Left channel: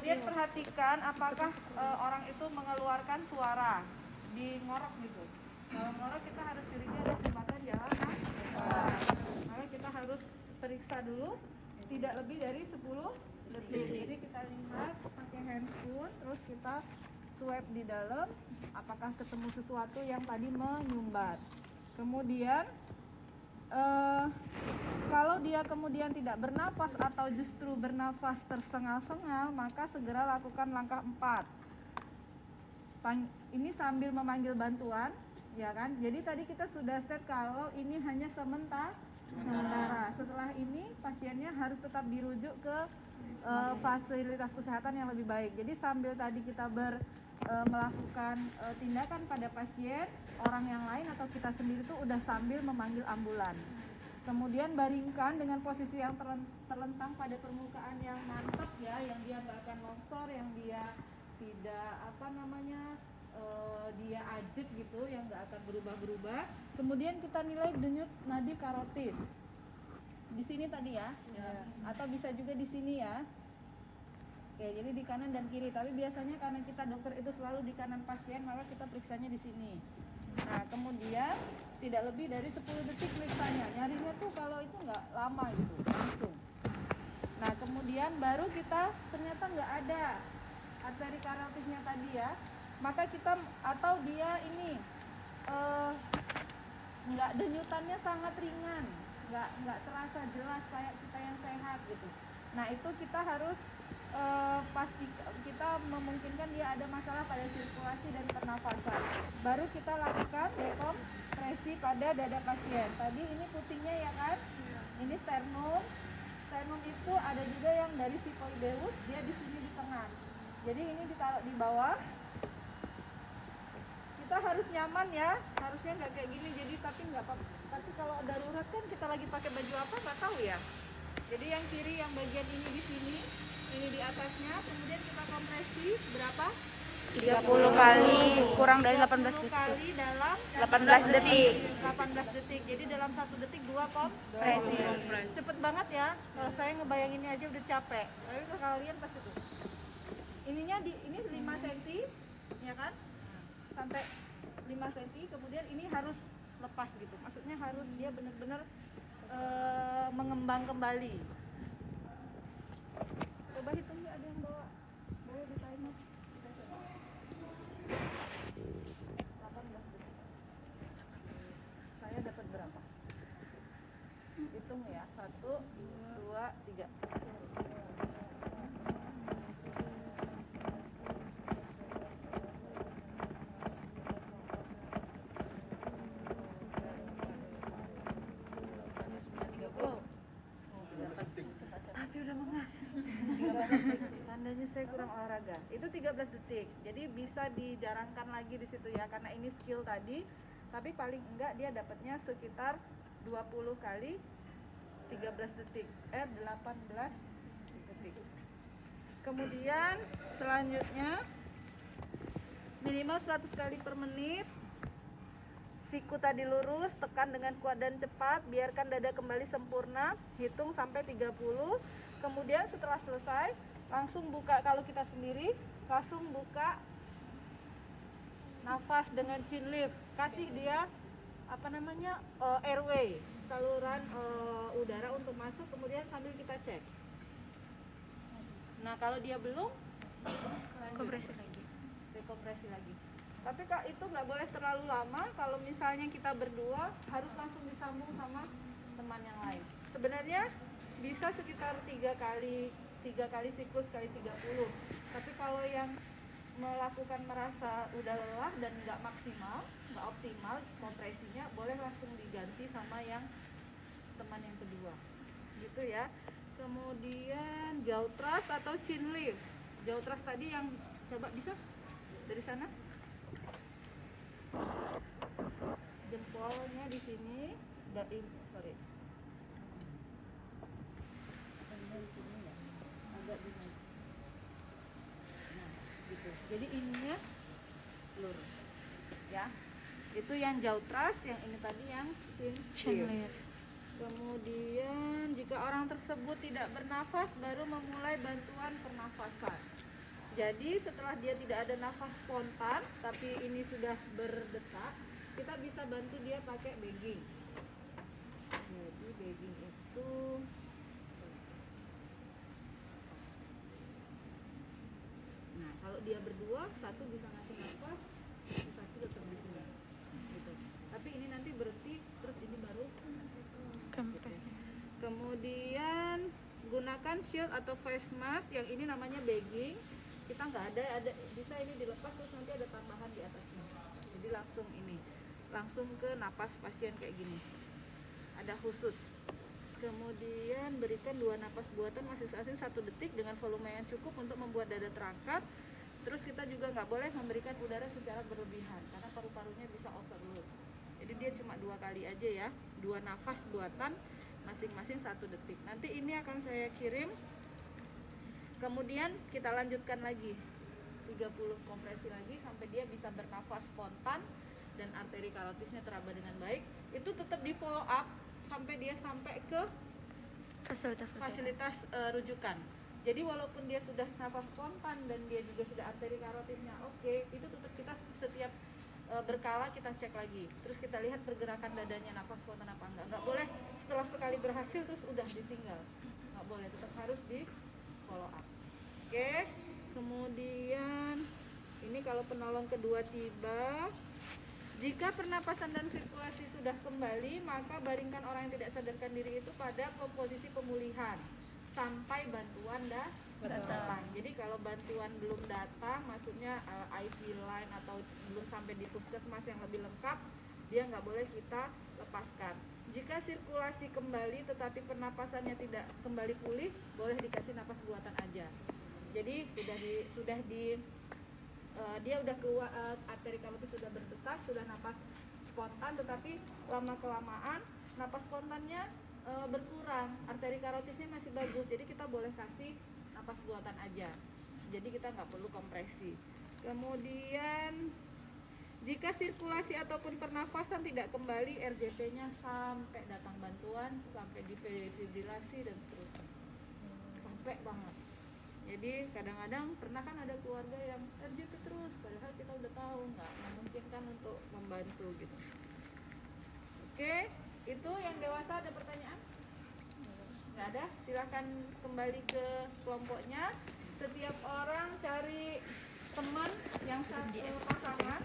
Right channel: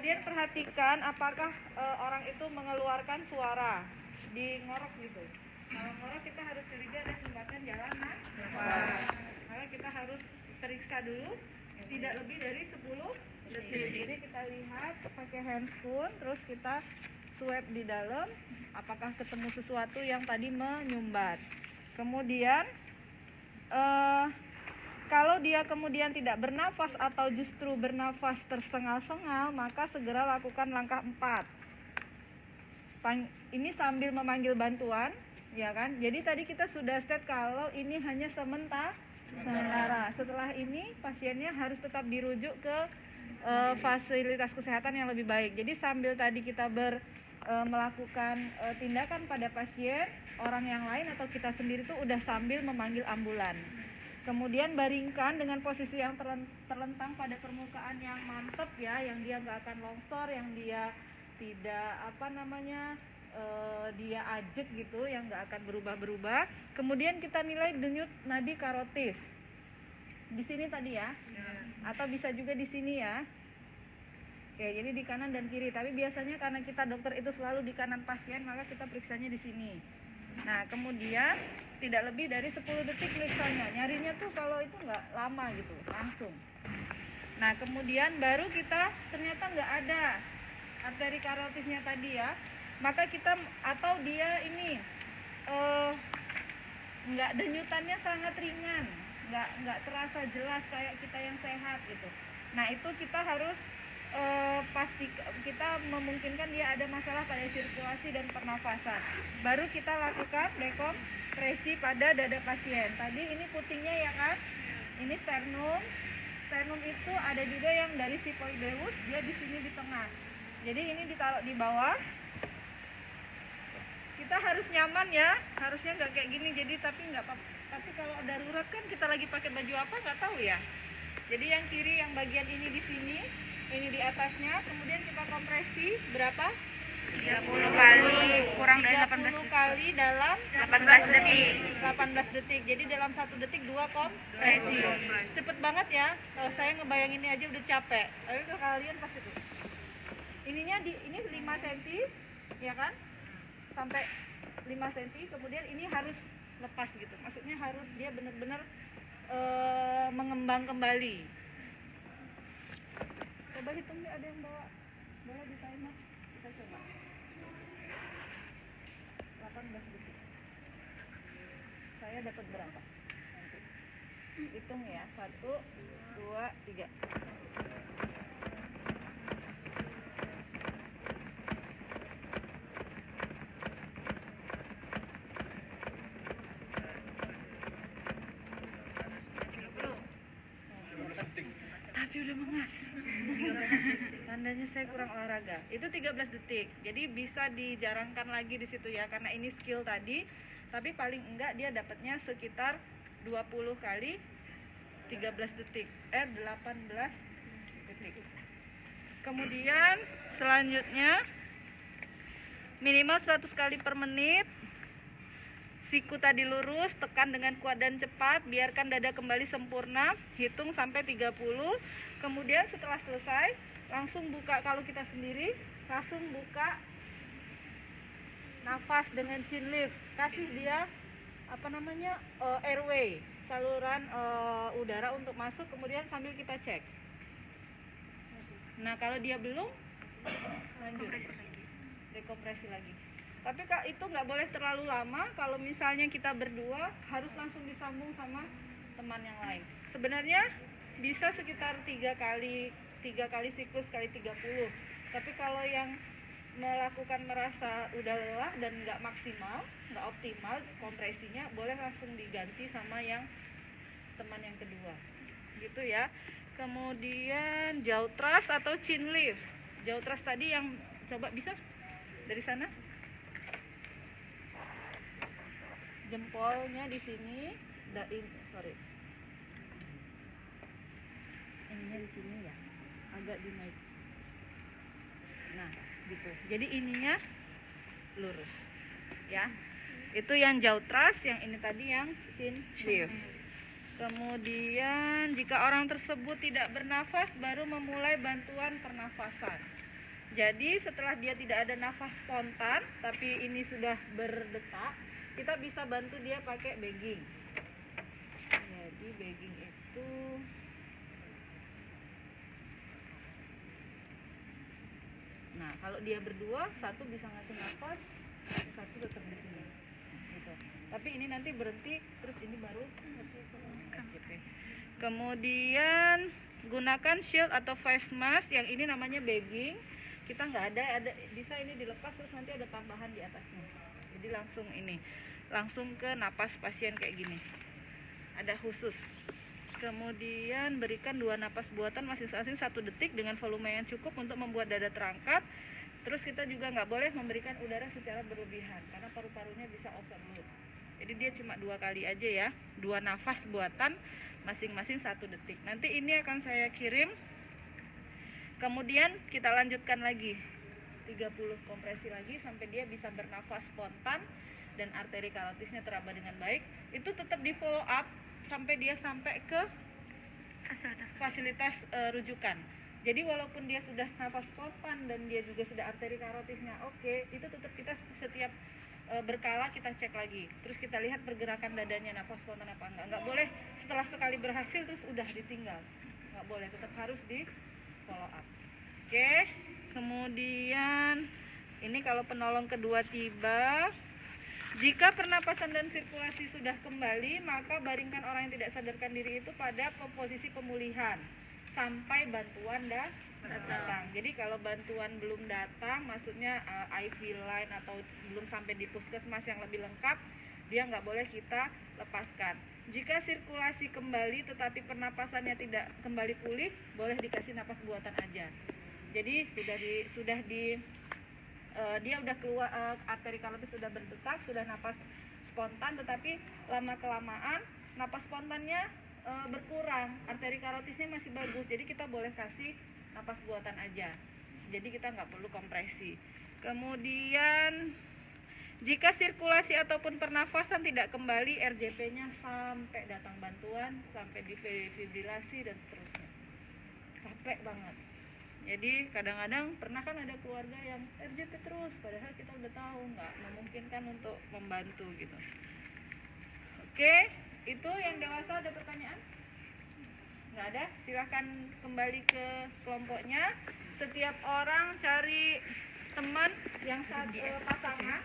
Kemudian perhatikan apakah orang itu mengeluarkan suara di ngorok gitu. Kalau ngorok kita harus curiga ada sumbatan jalan nafas. Maka kita harus periksa dulu tidak lebih dari 10 detik. Jadi kita lihat pakai handscoon, terus kita swab di dalam apakah ketemu sesuatu yang tadi menyumbat. Kemudian kalau dia kemudian tidak bernafas atau justru bernafas tersengal-sengal, maka segera lakukan langkah 4. Ini sambil memanggil bantuan, ya kan? Jadi tadi kita sudah state kalau ini hanya sementara. Setelah ini pasiennya harus tetap dirujuk ke fasilitas kesehatan yang lebih baik. Jadi sambil tadi kita melakukan tindakan pada pasien, orang yang lain atau kita sendiri tuh udah sambil memanggil ambulan. Kemudian baringkan dengan posisi yang terlentang pada permukaan yang mantap ya, yang dia nggak akan longsor, yang dia tidak dia ajek gitu, yang nggak akan berubah-berubah. Kemudian kita nilai denyut nadi karotis di sini tadi ya, atau bisa juga di sini ya. Oke, jadi di kanan dan kiri. Tapi biasanya karena kita dokter itu selalu di kanan pasien, maka kita periksanya di sini. Nah, kemudian tidak lebih dari 10 detik periksanya. Nyarinya tuh kalau itu nggak lama gitu, langsung. Nah, kemudian baru kita ternyata nggak ada arteri karotisnya tadi ya. Maka kita atau dia ini nggak denyutannya sangat ringan, nggak terasa jelas kayak kita yang sehat gitu. Nah, itu kita harus pasti kita memungkinkan dia ada masalah pada sirkulasi dan pernafasan. Baru kita lakukan dekompresi pada dada pasien. Tadi ini putingnya ya kan? Ini sternum. Sternum itu ada juga yang dari sifoideus, dia di sini di tengah. Jadi ini ditaruh di bawah. Kita harus nyaman ya, harusnya nggak kayak gini. Jadi tapi nggak apa-apa. Tapi kalau darurat kan kita lagi pakai baju apa nggak tahu ya. Jadi yang kiri yang bagian ini di sini, ini di atasnya, kemudian kita kompresi berapa? 30 kali kurang dari 18 detik. Kali dalam 18 detik. 18 detik. Jadi dalam 1 detik 2 kompresi. Cepet banget ya. Kalau saya ngebayanginnya aja udah capek. Tapi kalau kalian pasti tuh. Ininya ini 5 cm, ya kan? Sampai 5 cm, kemudian ini harus lepas gitu. Maksudnya harus dia benar-benar mengembang kembali. Coba hitung deh, ada yang bawa boleh di timer. Kita coba 18 detik. Saya dapat berapa? Hitung ya, 1, 2, 3. Tapi udah mengas. Tandanya saya kurang olahraga. Itu 13 detik. Jadi bisa dijarangkan lagi di situ ya, karena ini skill tadi. Tapi paling enggak dia dapatnya sekitar 20 kali 13 detik. 18 detik. Kemudian selanjutnya minimal 100 kali per menit. Siku tadi lurus, tekan dengan kuat dan cepat, biarkan dada kembali sempurna, hitung sampai 30. Kemudian setelah selesai, langsung buka, kalau kita sendiri, langsung buka nafas dengan chin lift. Kasih dia airway, saluran udara untuk masuk, kemudian sambil kita cek. Nah, kalau dia belum, dekompresi lagi. Tapi Kak, itu nggak boleh terlalu lama. Kalau misalnya kita berdua harus langsung disambung sama teman yang lain. Sebenarnya bisa sekitar 3 kali siklus kali 30. Tapi kalau yang melakukan merasa udah lelah dan nggak maksimal, nggak optimal kompresinya, boleh langsung diganti sama yang teman yang kedua. Gitu ya. Kemudian jaw thrust atau chin lift. Jaw thrust tadi yang coba bisa dari sana. Jempolnya di sini, ini di sini ya, agak dinaik. Nah, gitu. Jadi ininya lurus, ya. Itu yang jaw thrust, yang ini tadi yang chin lift. Kemudian jika orang tersebut tidak bernafas, baru memulai bantuan pernafasan. Jadi setelah dia tidak ada nafas spontan, tapi ini sudah berdetak, kita bisa bantu dia pakai bagging. Jadi bagging itu nah, kalau dia berdua, satu bisa ngasih nafas, satu tetap di sini. Gitu. Tapi ini nanti berhenti, terus ini baru. Kemudian gunakan shield atau face mask yang ini namanya bagging. Kita nggak ada bisa ini dilepas terus nanti ada tambahan di atasnya. Jadi langsung ke napas pasien kayak gini. Ada khusus. Kemudian berikan 2 napas buatan masing-masing 1 detik dengan volume yang cukup untuk membuat dada terangkat. Terus kita juga nggak boleh memberikan udara secara berlebihan karena paru-parunya bisa overload. Jadi dia cuma 2 kali aja ya, 2 nafas buatan masing-masing 1 detik. Nanti ini akan saya kirim. Kemudian kita lanjutkan lagi 30 kompresi lagi sampai dia bisa bernafas spontan dan arteri karotisnya teraba dengan baik. Itu tetap di follow up sampai dia sampai ke fasilitas rujukan. Jadi walaupun dia sudah nafas spontan dan dia juga sudah arteri karotisnya oke, itu tetap kita setiap berkala kita cek lagi. Terus kita lihat pergerakan dadanya nafas spontan apa enggak. Enggak boleh setelah sekali berhasil terus udah ditinggal. Enggak boleh, tetap harus di follow up. Oke. Kemudian ini kalau penolong kedua tiba, jika pernapasan dan sirkulasi sudah kembali, maka baringkan orang yang tidak sadarkan diri itu pada posisi pemulihan sampai bantuan datang. Jadi kalau bantuan belum datang, maksudnya IV line atau belum sampai di puskesmas yang lebih lengkap, dia nggak boleh kita lepaskan. Jika sirkulasi kembali tetapi pernapasannya tidak kembali pulih, boleh dikasih napas buatan aja. Jadi dia udah keluar, arteri karotis sudah berdetak, sudah napas spontan, tetapi lama kelamaan napas spontannya berkurang, arteri karotisnya masih bagus, jadi kita boleh kasih napas buatan aja. Jadi kita nggak perlu kompresi. Kemudian jika sirkulasi ataupun pernafasan tidak kembali, RJP-nya sampai datang bantuan, sampai difibrilasi dan seterusnya, sampai banget. Jadi kadang-kadang pernah kan ada keluarga yang RJP terus, padahal kita udah tahu nggak memungkinkan untuk membantu gitu. Oke, itu yang dewasa ada pertanyaan? Nggak ada? Silahkan kembali ke kelompoknya. Setiap orang cari teman yang pasangan